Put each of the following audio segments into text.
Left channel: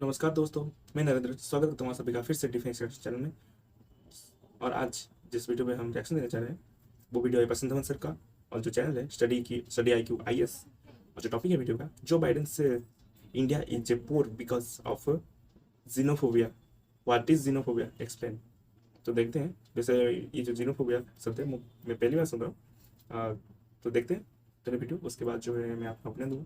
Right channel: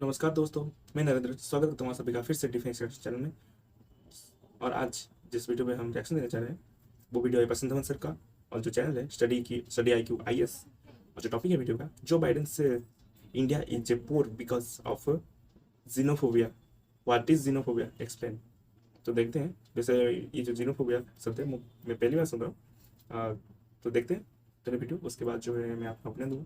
नमस्कार दोस्तों, मैं नरेंद्र स्वागत करता हूँ आप सभी का फिर से डिफेंस चैनल में। और आज जिस वीडियो में हम रिएक्शन देने जा रहे हैं वो वीडियो है बसंत धवन सर का। और जो चैनल है study I Q I S, और जो टॉपिक है वीडियो का, जो बाइडेन से India is a poor because of xenophobia. What is xenophobia, explain. तो देखते हैं। वैसे ये जो जीनोफोबिया शब्द है मैं पहली बार सुन रहा हूँ। तो देखते हैं पहले वीडियो, उसके बाद जो है मैं आपको अपने दूंगा।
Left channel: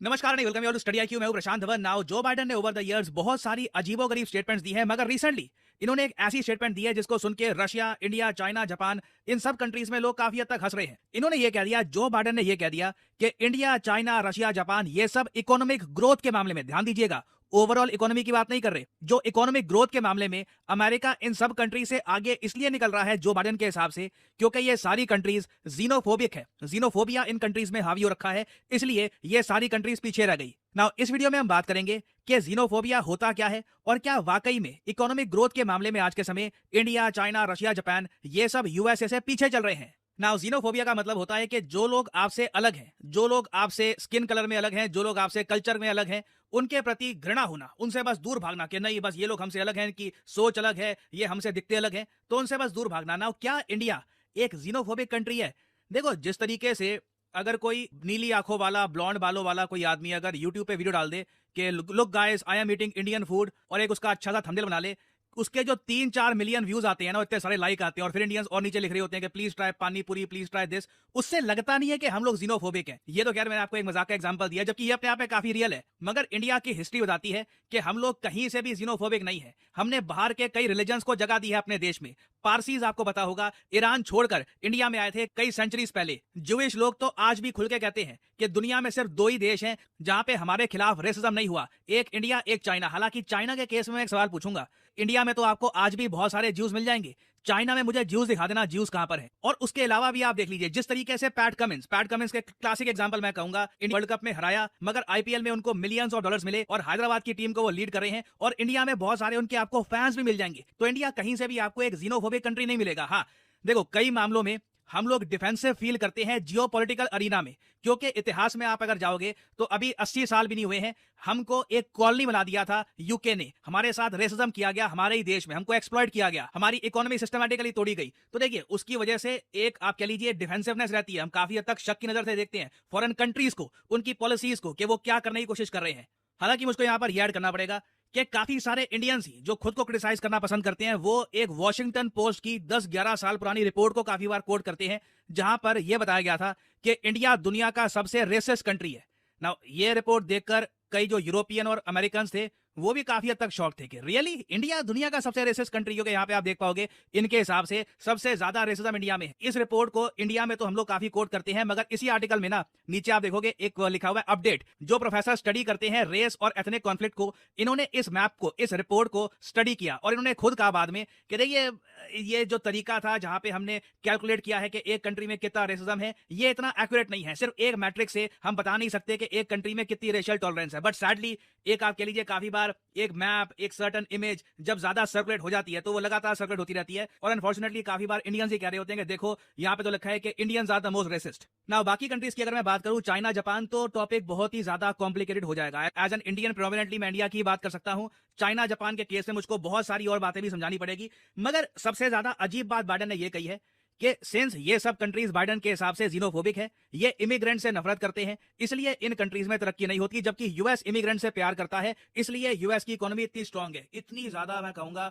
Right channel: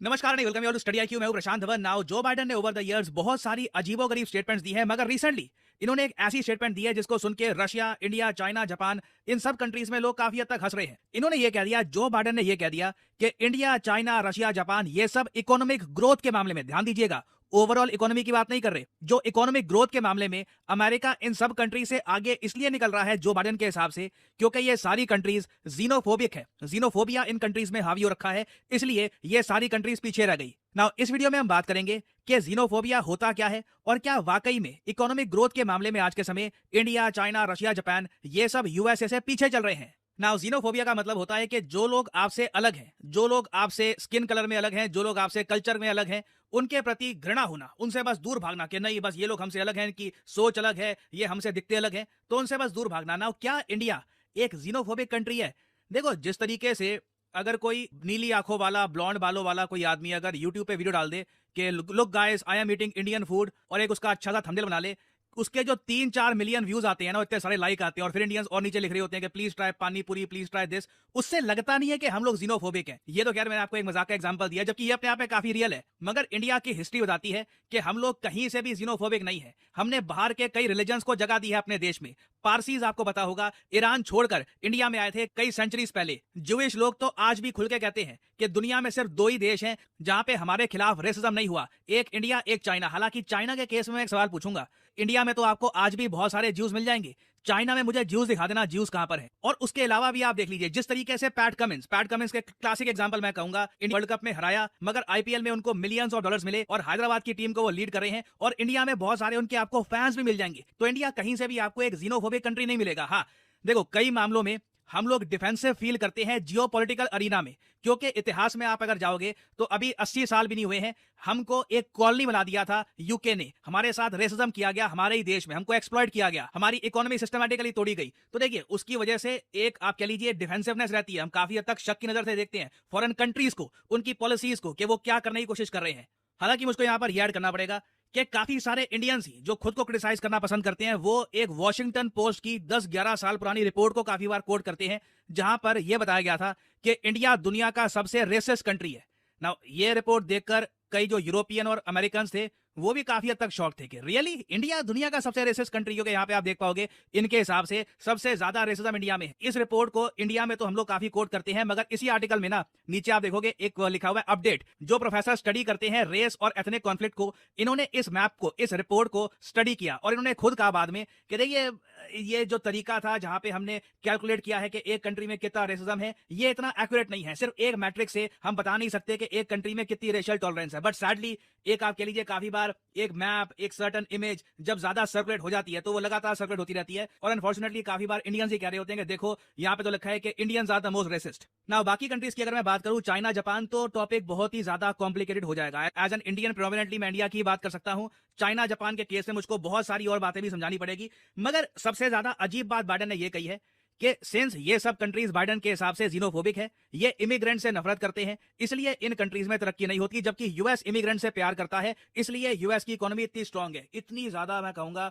नमस्कार नहीं, welcome you to study IQ. मैं हूं Prashant Dhawan. Now Joe Biden ने ओवर द इयर्स बहुत सारी अजीबोगरीब स्टेटमेंट्स दी है, मगर रिसेंटली इन्होंने एक ऐसी स्टेटमेंट दी है जिसको सुन के रशिया, इंडिया, चाइना, जापान, इन सब कंट्रीज में लोग काफी हद तक हंस रहे हैं। इन्होंने ये कह दिया, जो बाइडेन ने ये कह दिया कि इंडिया, चाइना, रशिया, जापान ये सब इकोनॉमिक ग्रोथ के मामले में, ध्यान दीजिएगा, ओवरऑल इकोनॉमी की बात नहीं कर रहे, जो इकोनॉमिक ग्रोथ के मामले में अमेरिका इन सब कंट्री से आगे इसलिए निकल रहा है जो बाइडेन के हिसाब से, क्योंकि ये सारी कंट्रीज जीनोफोबिक है। जीनोफोबिया इन कंट्रीज में हावी हो रखा है, इसलिए ये सारी कंट्रीज पीछे रह गई। नाउ इस वीडियो में हम बात करेंगे कि जीनोफोबिया होता क्या है और क्या वाकई में इकोनॉमिक ग्रोथ के मामले में आज के समय इंडिया, चाइना, रशिया, जापान ये सब यूएसए से पीछे चल रहे हैं। नाउ जीनोफोबिया का मतलब होता है कि जो लोग आपसे अलग है, जो लोग आपसे स्किन कलर में अलग है, जो लोग आपसे कल्चर में अलग है, उनके प्रति घृणा होना, उनसे बस दूर भागना कि नहीं बस ये लोग हमसे अलग है, कि सोच अलग है, ये हमसे दिखते अलग है, तो उनसे बस दूर भागना। नाउ क्या इंडिया एक जीनोफोबिक कंट्री है? देखो, जिस तरीके से अगर कोई नीली आंखों वाला, ब्लॉन्ड बालों वाला कोई आदमी अगर यूट्यूब पे वीडियो डाल दे कि look guys I am eating Indian food, और एक उसका अच्छा सा थंबनेल बना ले, उसके जो 3-4 मिलियन व्यूज आते हैं ना, इतने सारे लाइक आते हैं, और फिर इंडियंस और नीचे लिख रहे होते हैं कि प्लीज ट्राई पानी पूरी, प्लीज ट्राई दिस, उससे लगता नहीं है कि हम लोग जीनोफोबिक हैं। ये तो खैर मैंने आपको एक मजाक का एग्जांपल दिया, जबकि ये अपने आप में काफी रियल है। मगर इंडिया की हिस्ट्री बताती है कि हम लोग कहीं से भी जीनोफोबिक नहीं है। हमने बाहर के कई रिलीजन्स को जगह दी है अपने देश में। पारसीज, आपको पता होगा, ईरान छोड़कर इंडिया में आए थे कई सेंचुरीज पहले। ज्यूइश लोग तो आज भी खुल के कहते हैं कि दुनिया में सिर्फ दो ही देश हैं जहां पे हमारे खिलाफ रेसिज्म नहीं हुआ, एक इंडिया, एक चाइना। हालांकि चाइना के केस में मैं एक सवाल पूछूंगा, इंडिया में तो आपको आज भी बहुत सारे ज्यूज मिल जाएंगे, चाइना में मुझे ज्यूज दिखा देना, ज्यूज कहां पर है। और उसके अलावा भी आप देख लीजिए, जिस तरीके से पैट कमिंस के क्लासिक एग्जांपल मैं कहूंगा, वर्ल्ड कप में हराया, मगर आईपीएल में उनको मिलियंस ऑफ डॉलर्स मिले और हैदराबाद की टीम को वो लीड कर रहे हैं, और इंडिया में बहुत सारे उनके आपको फैंस भी मिल जाएंगे। तो इंडिया कहीं से भी आपको एक जीनोफोबिक कंट्री नहीं मिलेगा। हाँ, देखो, कई मामलों में हम लोग डिफेंसिव फील करते हैं जियोपॉलिटिकल अरीना में, क्योंकि इतिहास में आप अगर जाओगे तो अभी 80 साल भी नहीं हुए हैं, हमको एक कॉलोनी बना दिया था यूके ने, हमारे साथ रेसिज्म किया गया, हमारे ही देश में हमको एक्सप्लॉइट किया गया, हमारी इकोनॉमी सिस्टमैटिकली तोड़ी गई। तो देखिए, उसकी वजह से एक आप कह लीजिए डिफेंसिवनेस रहती है, हम काफी हद तक शक की नजर से देखते हैं फॉरेन कंट्रीज को, उनकी पॉलिसीज को, कि वो क्या करने की कोशिश कर रहे हैं। हालांकि मुझको यहाँ पर यह ऐड करना पड़ेगा कि काफी सारे इंडियंस ही जो खुद को क्रिटिसाइज करना पसंद करते हैं, वो एक वॉशिंगटन पोस्ट की 10-11 साल पुरानी रिपोर्ट को काफी बार कोट करते हैं, जहां पर यह बताया गया था कि इंडिया दुनिया का सबसे रेसिस्ट कंट्री है। नाउ ये रिपोर्ट देखकर कई जो यूरोपियन और अमेरिकन थे वो भी काफी हद तक शॉक थे कि रियली इंडिया दुनिया का सबसे रेसिस्ट कंट्री, क्योंकि यहाँ पे आप देख पाओगे इनके हिसाब से सबसे ज्यादा रेसिज्म इंडिया में। इस रिपोर्ट को इंडिया में तो हम लोग काफी कोट करते हैं, मगर इसी आर्टिकल में ना नीचे आप देखोगे एक लिखा हुआ है अपडेट, जो प्रोफेसर स्टडी करते हैं रेस और एथनिक कॉन्फ्लिक्ट को, इन्होंने इस मैप को, इस रिपोर्ट को स्टडी किया, और इन्होंने खुद कहा बाद में कि देखिए, ये जो तरीका था जहां पे हमने कैलकुलेट किया है कि एक कंट्री में कितना रेसिज्म है, ये इतना एक्यूरेट नहीं है। सिर्फ एक मैट्रिक से हम बता नहीं सकते कि एक कंट्री में कितनी रेशियल टॉलरेंस है। बट सैडली एक आप कह लीजिए काफी बार एक मैप, एक सर्टन इमेज जब ज्यादा सर्कुलेट हो जाती है तो वो लगातार सर्कुलेट होती रहती है, और अनफॉर्चुनेटली काफी बार इंडियंस ही कह रहे होते हैं कि देखो यहाँ पे तो लिखा है कि Indians are the most racist. ना बाकी कंट्रीज की अगर मैं बात करूं, चाइना, जापान, तो टॉपिक बहुत ही ज्यादा कॉम्प्लिकेटेड हो जाएगा। एज एन इंडियन प्रोमिनेंटली मैं इंडिया की बात कर सकता हूं, चाइना जापान के केस में मुझको बहुत सारी और बातें भी समझानी पड़ेगी। मगर सबसे ज्यादा अजीब बात बाइडेन ने यह कही है कि सिंस ये सब कंट्रीज बाइडेन के हिसाब से जीनोफोबिक है, ये इमिग्रेंट से नफरत करते हैं, इसलिए इन कंट्रीज में तरक्की नहीं होती, जबकि यूएस इमिग्रेंट से प्यार करता है, इसलिए यूएस की इकोनॉमी इतनी स्ट्रांग है। इतनी ज्यादा मैं कहूंगा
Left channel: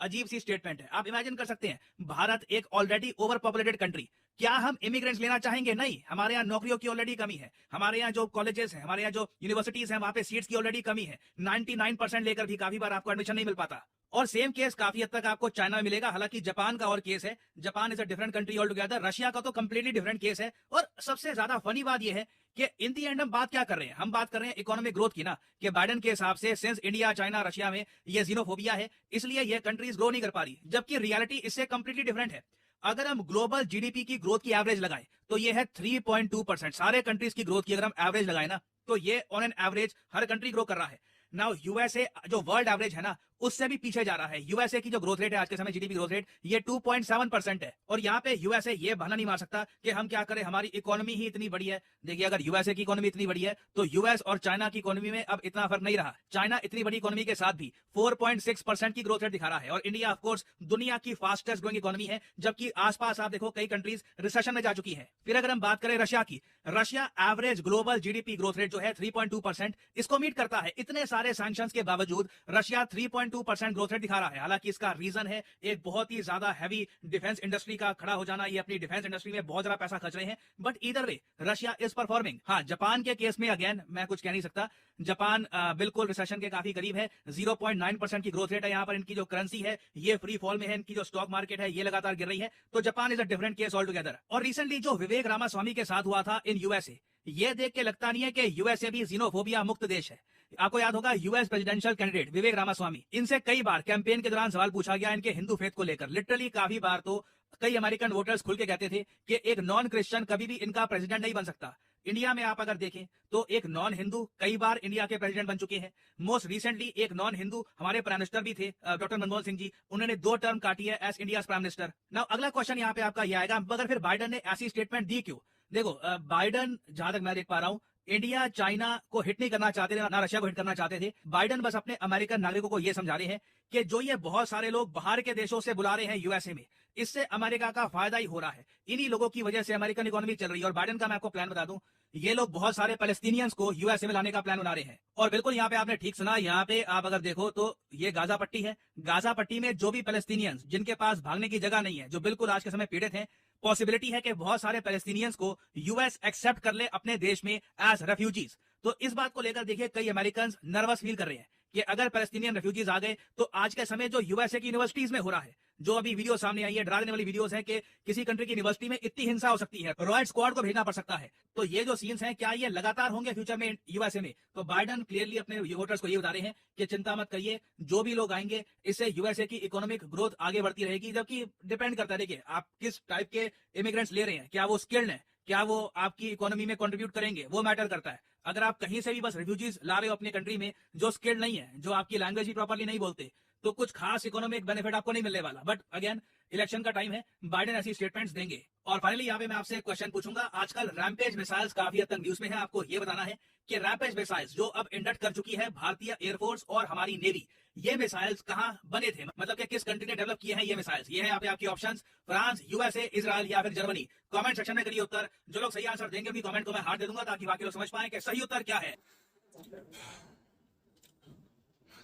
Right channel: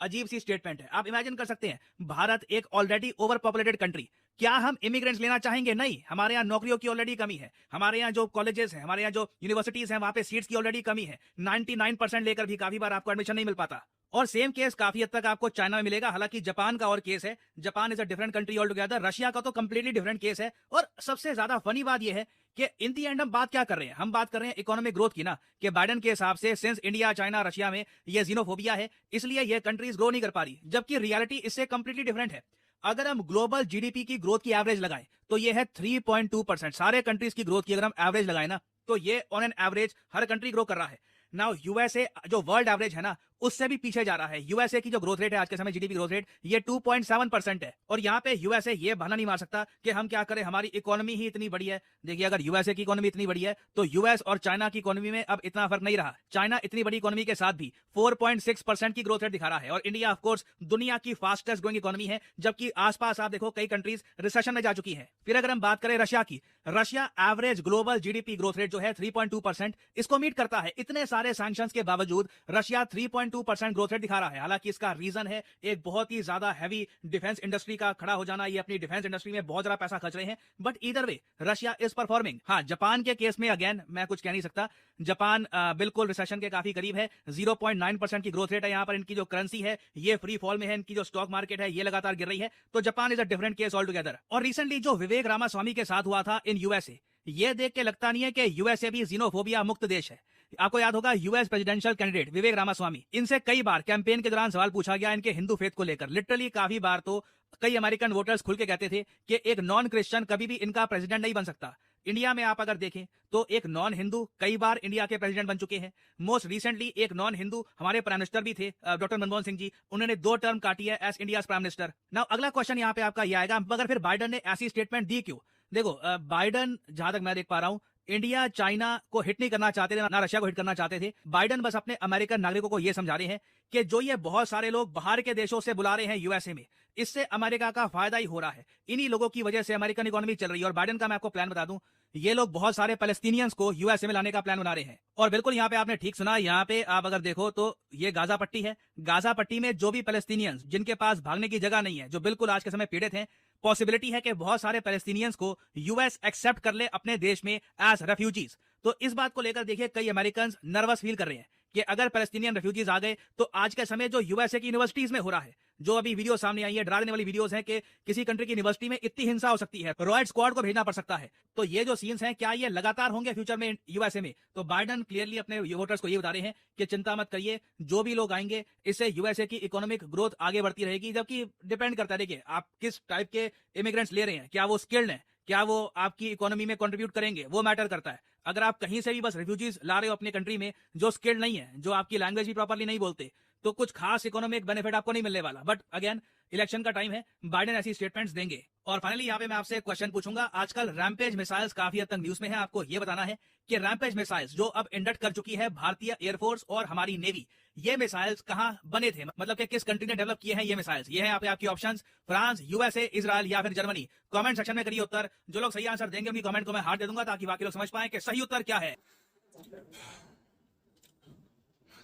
अजीब सी स्टेटमेंट है। आप इमेजिन कर सकते हैं, भारत एक ऑलरेडी ओवर पॉपुलेटेड कंट्री, क्या हम इमिग्रेंट्स लेना चाहेंगे? नहीं, हमारे यहाँ नौकरियों की ऑलरेडी कमी है, हमारे यहाँ जो कॉलेजेस हैं, हमारे यहाँ जो यूनिवर्सिटीज हैं, वहां पे सीट्स की ऑलरेडी कमी है, 99% लेकर भी काफी बार आपको एडमिशन नहीं मिल पाता। और सेम केस काफी हद तक आपको चाइना में मिलेगा। हालांकि जापान का और केस है, Japan is a different country all together, Russia का तो कंप्लीटली डिफरेंट केस है। और सबसे ज्यादा फनी बात यह है कि इन दी एंड हम बात क्या कर रहे हैं, हम बात कर रहे हैं इकोनॉमिक ग्रोथ की ना, कि बाइडेन के हिसाब से सिंस इंडिया, चाइना, रशिया में ये जीनोफोबिया है, इसलिए ये कंट्रीज ग्रो नहीं कर पा रही, जबकि रियलिटी इससे कंप्लीटली डिफरेंट है। अगर हम ग्लोबल जीडीपी की ग्रोथ की एवरेज लगाएं तो ये है 3.2%। सारे कंट्रीज की ग्रोथ की अगर हम एवरेज लगाएं ना, तो ये on an average her country grow कर रहा है। नाउ यूएसए जो वर्ल्ड एवरेज है ना, उससे भी पीछे जा रहा है। यूएसए की जो ग्रोथ रेट है आज के समय, जीडीपी ग्रोथ रेट, ये 2.7% है। और यहाँ पे यूएसए ये बहाना नहीं मार सकता कि हम क्या करें, हमारी इकोनॉमी ही इतनी बड़ी है। देखिए, अगर यूएसए की इकोनॉमी इतनी बड़ी है तो यूएस और चाइना की इकोनॉमी में अब इतना फर्क नहीं रहा। चाइना इतनी बड़ी इकोनॉमी के साथ भी 4.6% की ग्रोथ रेट दिखा रहा है, और इंडिया ऑफ कोर्स दुनिया की फास्टेस्ट ग्रोइंग इकोनॉमी है, जबकि आसपास आप देखो कई कंट्रीज रिसेशन में जा चुकी हैं। फिर अगर हम बात करें रशिया की, Russia average global GDP growth rate जो है 3.2%, इसको मीट करता है। इतने सारे सैंक्शंस के बावजूद रशिया 3.2% ग्रोथ रेट दिखा रहा है। हालांकि इसका रीजन है एक बहुत ही ज्यादा हैवी डिफेंस इंडस्ट्री का खड़ा हो जाना। ये अपनी डिफेंस इंडस्ट्री में बहुत ज्यादा पैसा खर्च रहे हैं, but either way Russia is performing. हाँ, जापान के केस में अगेन मैं कुछ कह नहीं सकता। जापान बिल्कुल रिसेशन के काफी करीब है। 0.9% की ग्रोथ रेट है। यहाँ पर इनकी जो करेंसी है ये फ्री फॉल में है, इनकी जो स्टॉक मार्केट है ये लगातार गिर रही है। तो Japan is a different case all together. और रिसेंटली जो विवेक रामास्वामी के साथ हुआ था इन यूएसए, ये देख के लगता नहीं है कि यूएसए भी जीनोफोबिया मुक्त देश है। आपको याद होगा यूएस प्रेसिडेंशियल कैंडिडेट विवेक रामास्वामी, इनसे कई बार कैंपेन के दौरान सवाल पूछा गया इनके हिंदू फेथ को लेकर। लिटरली काफी बार तो कई अमेरिकन वोटर्स खुल के कहते थे कि एक नॉन क्रिश्चियन कभी भी इनका प्रेसिडेंट नहीं बन सकता। इंडिया में आप अगर देखें तो एक नॉन हिंदू कई बार इंडिया के प्रेसिडेंट बन चुके हैं। मोस्ट रिसेंटली एक नॉन हिंदू हमारे प्राइम मिनिस्टर भी थे, डॉक्टर मनमोहन सिंह जी। उन्होंने 2 टर्म काटी है as India prime minister. Now अगला क्वेश्चन यहाँ पे आपका ये आएगा, मगर फिर बाइडन ने ऐसी स्टेटमेंट दी क्यों? देखो, बाइडन जहां तक मैं देख पा रहा हूं, इंडिया चाइना को हिट नहीं करना चाहते थे, ना रशिया को हिट करना चाहते थे। बाइडन बस अपने अमेरिकन नागरिकों को यह समझा रहे हैं कि जो ये बहुत सारे लोग बाहर के देशों से बुला रहे हैं यूएसए में, इससे अमेरिका का फायदा ही हो रहा है। इन्हीं लोगों की वजह से अमेरिकन इकोनॉमी चल रही है। और बाइडन का मैं आपको प्लान बता दूं, ये लोग बहुत सारे पैलेस्टीनियंस को यूएसए में लाने का प्लान बना रहे हैं। और बिल्कुल यहाँ पे आपने ठीक सुना, यहाँ पे आप अगर देखो तो ये गाजा पट्टी है। गाजा पट्टी में जो भी पैलेस्टीनियंस जिनके पास भागने की जगह नहीं है, जो बिल्कुल आज के समय पीड़ित हैं, पॉसिबिलिटी है कि बहुत सारे पैलेस्टीनियंस को यूएस एक्सेप्ट कर ले अपने देश में एज रेफ्यूजीज। तो इस बात को लेकर देखिए कई अमेरिकन नर्वस फील कर रहे हैं कि अगर पैलेस्टीनियन रेफ्यूजीज आ गए तो आज के समय जो यूएसए की यूनिवर्सिटीज में हो रहा है, जो अभी वीडियो सामने आई है, डरा देने वाली वीडियोस है कि किसी कंट्री की यूनिवर्सिटी में इतनी हिंसा हो सकती है, रॉयड स्क्वाड को भेजना पड़ सकता है। तो ये जो सीन्स हैं, क्या ये लगातार होंगे फ्यूचर में यूएसए में? तो बाइडन क्लियरली अपने वोटर्स को ये बता रहे हैं कि चिंता मत करिए, जो भी लोग आएंगे इससे यूएसए की इकोनॉमिक ग्रोथ आगे बढ़ती रहेगी। जबकि डिपेंड करता है, देखिए आप किस टाइप के इमिग्रेंट्स ले रहे हैं, क्या वो स्किल्ड है, क्या वो आपकी इकोनॉमी में कंट्रीब्यूट करेंगे, वो मैटर करता है। अगर आप कहीं से भी बस रिफ्यूजीज ला रहे हो अपने कंट्री में, जो स्किल्ड नहीं है, जो आपकी लैंग्वेज भी प्रॉपर्ली नहीं बोलते, तो कुछ खास इकोनॉमिक बेनिफिट आपको नहीं मिलने वाला। बट अगेन, इलेक्शन का टाइम है, बाइडेन ऐसी स्टेटमेंट्स देंगे। और फाइनली यहाँ पे मैं आपसे क्वेश्चन पूछूंगा, आजकल रैम्पेज मिसाइल्स काफी हद तक न्यूज में है। आपको ये बताना है कि रैम्पेज मिसाइल्स जो अब इंडक्ट कर चुकी है भारतीय एयरफोर्स और हमारी नेवी, ये मिसाइल्स कहाँ बने थे, मतलब कि किस कंट्री ने डेवलप किए हैं ये मिसाइल्स? ये है आपकी ऑप्शंस, फ्रांस, यूएसए, इजराइल या फिर जर्मनी। कमेंट सेक्शन में करिए उत्तर। जो लोग सही आंसर देंगे उनकी कमेंट को मैं हार्ट दे दूंगा, ताकि बाकी लोग समझ पाए कि सही उत्तर क्या है।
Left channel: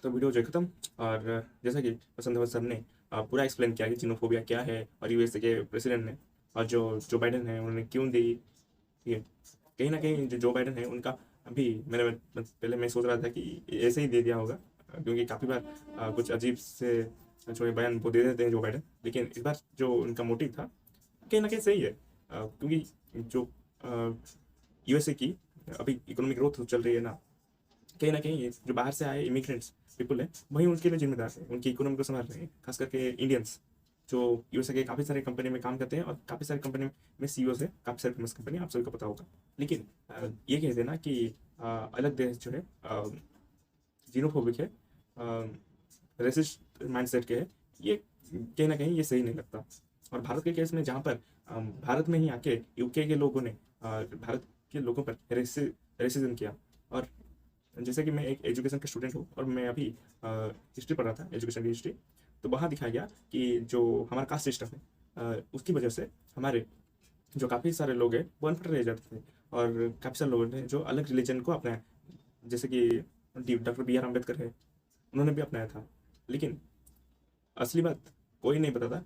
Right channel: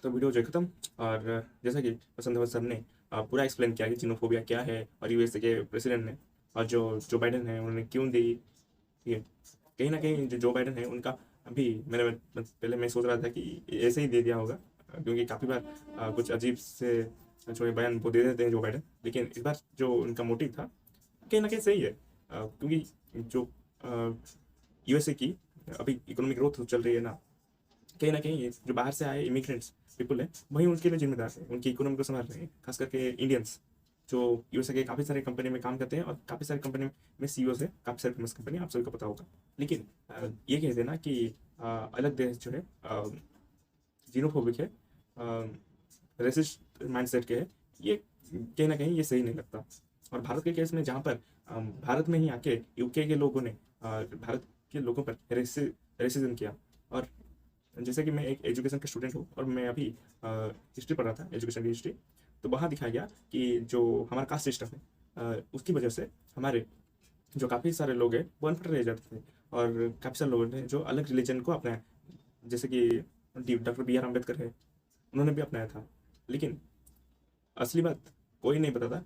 तो वीडियो जो है खत्म। और जैसा कि वसंत सर ने पूरा एक्सप्लेन किया कि जीनोफोबिया क्या है, और यूएसए के प्रेसिडेंट ने और जो बाइडन है उन्होंने क्यों दी। ठीक है, कहीं ना कहीं जो बाइडन है उनका अभी पहले मैं सोच रहा था कि ऐसे ही दे दिया होगा, क्योंकि काफ़ी बार कुछ अजीब से जो बयान वो दे देते हैं जो बाइडन। लेकिन इस बार जो उनका मोटिव था कहीं ना कहीं सही है, क्योंकि जो यूएसए की अभी इकोनॉमिक ग्रोथ चल रही है ना, कहीं ना कहीं जो बाहर से आए इमिग्रेंट्स पीपल है वही उनके लिए जिम्मेदार है, उनकी इकोनॉमी को संभाल रहे हैं। खास करके इंडियंस जो यूएसए के काफ़ी सारे कंपनी में काम करते हैं, और काफ़ी सारे कंपनी में सीईओ है, काफ़ी सारी फेमस कंपनी, आप सभी को पता होगा। लेकिन ये कहते हैं ना कि अलग देश जो है जीनोफोबिक है, रेसिस्ट माइंडसेट के है, ये कहीं ना कहीं ये सही नहीं लगता। और भारत के केस में जहाँ पर भारत में ही आके यूके के लोगों ने भारत के लोगों पर रेसिज्म किया। और जैसे कि मैं एक एजुकेशन का स्टूडेंट हूँ और मैं अभी हिस्ट्री पढ़ रहा था, एजुकेशन की हिस्ट्री, तो वहाँ दिखाया गया कि जो हमारा कास्ट सिस्टम है उसकी वजह से हमारे जो काफ़ी सारे लोग हैं वो अनपढ़ रह जाते थे, और काफ़ी सारे लोग हैं जो अलग रिलीजन को अपनाया, जैसे कि डॉक्टर बी आर अम्बेडकर है, उन्होंने भी अपनाया था। लेकिन असली बात कोई नहीं बताता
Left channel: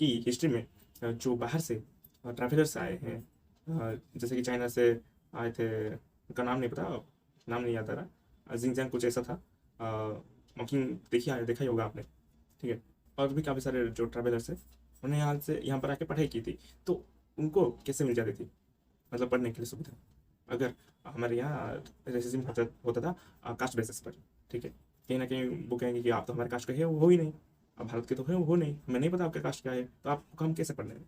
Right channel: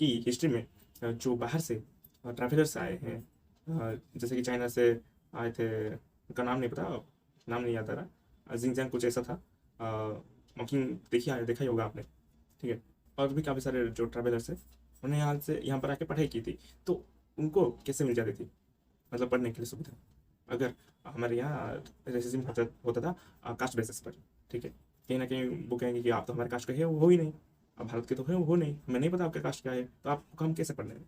कि हिस्ट्री में जो बाहर से ट्रैवलर्स आए हैं, जैसे कि चाइना से आए थे, उनका नाम नहीं पता, नाम नहीं याद आ रहा, जिंगजैंग कुछ ऐसा था, मॉकिंग देखा ही होगा आपने। ठीक है, और भी काफ़ी सारे जो ट्रैवलर्स हैं उन्होंने यहाँ पर आके पढ़ाई की थी, तो उनको कैसे मिल जाती थी, मतलब पढ़ने के लिए सुविधा। अगर हमारे यहाँ रेसिज्म होता था कास्ट बेसिस पर, ठीक है, कहीं ना कहीं वो कहेंगे कि आप तो हमारे कास्ट के हैं, वो हो ही नहीं, अब भारत के तो है, वो हो नहीं, हमें नहीं पता आपका कास्ट क्या है, तो आपको हम कैसे पढ़ने हैं?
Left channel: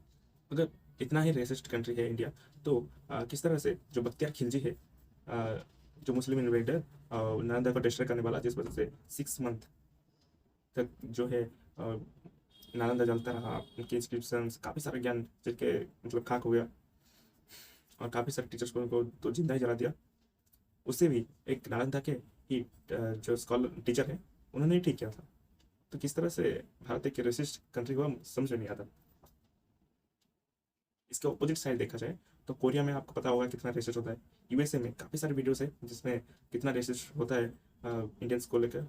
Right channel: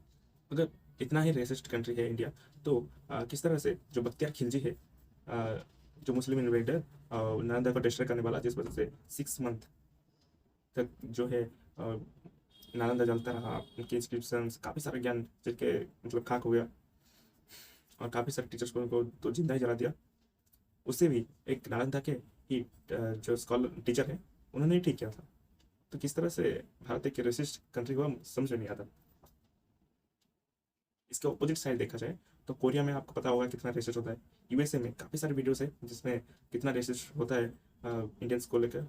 अगर इतना ही रेसिस्ट कंट्री है इंडिया, तो किस तरह से जो बख्तियार खिलजी है, जो मुस्लिम इन्वेडर नालंदा को डिस्ट्रॉय करने वाला, जिस वजह से 6 मंथ तक जो है नालंदा जलता रहा, उनके इंस्क्रिप्शन काफ़ी सारे ज्ञान जिनके मतलब खाक हो गया, और काफ़ी सारे टीचर्स को उनको तो जिंदा ही जला दिया। उससे भी एक नालंदा के ही जो स्कॉलर टीचर है उन्होंने ही ठीक किया था। तो किस तरह से भारत एक रेसिस्ट कंट्री हुआ समझ में नहीं आता। इसके ऑपोजिट साइड देखा जाए तो कोरिया में आपको पता होगा कितना रेसिस्ट होता है। यूएसए में काफ़ी सारे वीडियोस है जिसमें कितना रेसिस्ट होता है इंडियंस को लेकर,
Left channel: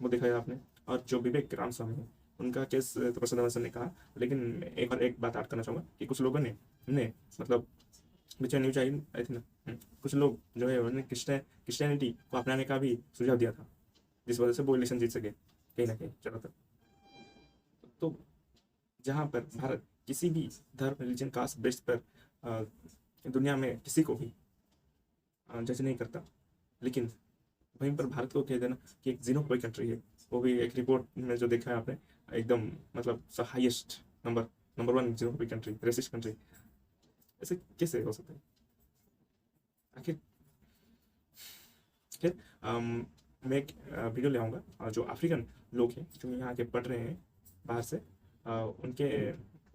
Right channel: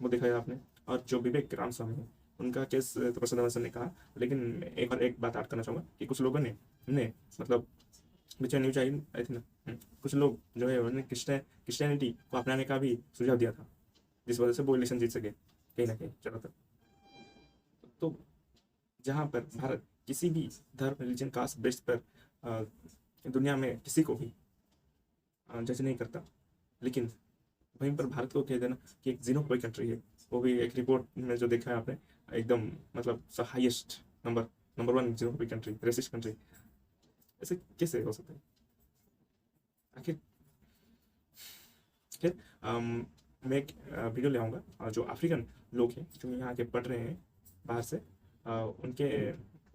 वो देखा है आपने। और जो विवेक रामस्वामी है उनका केस तो प्रसाद अमर ने कहा, लेकिन एक बात ऐड करना चाहूँगा कि कुछ लोगों ने मतलब बीच न्यूज आई थी ना, कुछ लोग जो है उन्होंने क्रिश्चियनिटी को अपनाने का भी सुझाव दिया था, जिस वजह से वो इलेक्शन जीत सके कहीं ना कहीं ज़्यादातर। तो जहाँ पर भारत किसी भी धर्म, रिलीजन, कास्ट बेस पर दुनिया में किसी को भी जज नहीं करता, लेकिन वहीं पर भारत को कह देना कि एक जीनोफोबिक कंट्री है, वो भी एक रिपोर्ट में जो देखा है आपने, एकदम मतलब highest number 1 xenophobic country, racist country, ऐसे कैसे हो सकता है आखिर। फिर मैं एक वीडियो ले आऊँगा, और जो अफ्रीकन लोग हैं जो यहाँ के पढ़ रहे हैं बाहर से, उनके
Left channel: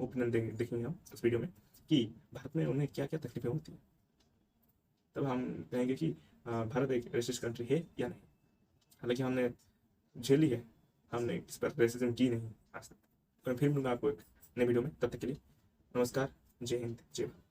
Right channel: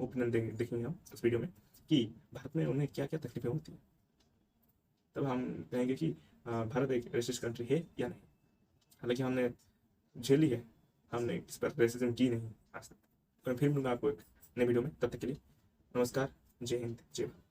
ओपिनियन देखेंगे हम उस वीडियो में कि भारत में उन्हें क्या क्या तकलीफें होती हैं। तब हम कहेंगे कि भारत एक रेसिस्ट कंट्री है या नहीं। हालांकि हमने झेली है, हमने इस पर रेसिज्म की नहीं आज तक। तो मैं फिर मिलूंगा आपको एक नए वीडियो में, तब तक के लिए नमस्कार, जय हिंद, जय भारत।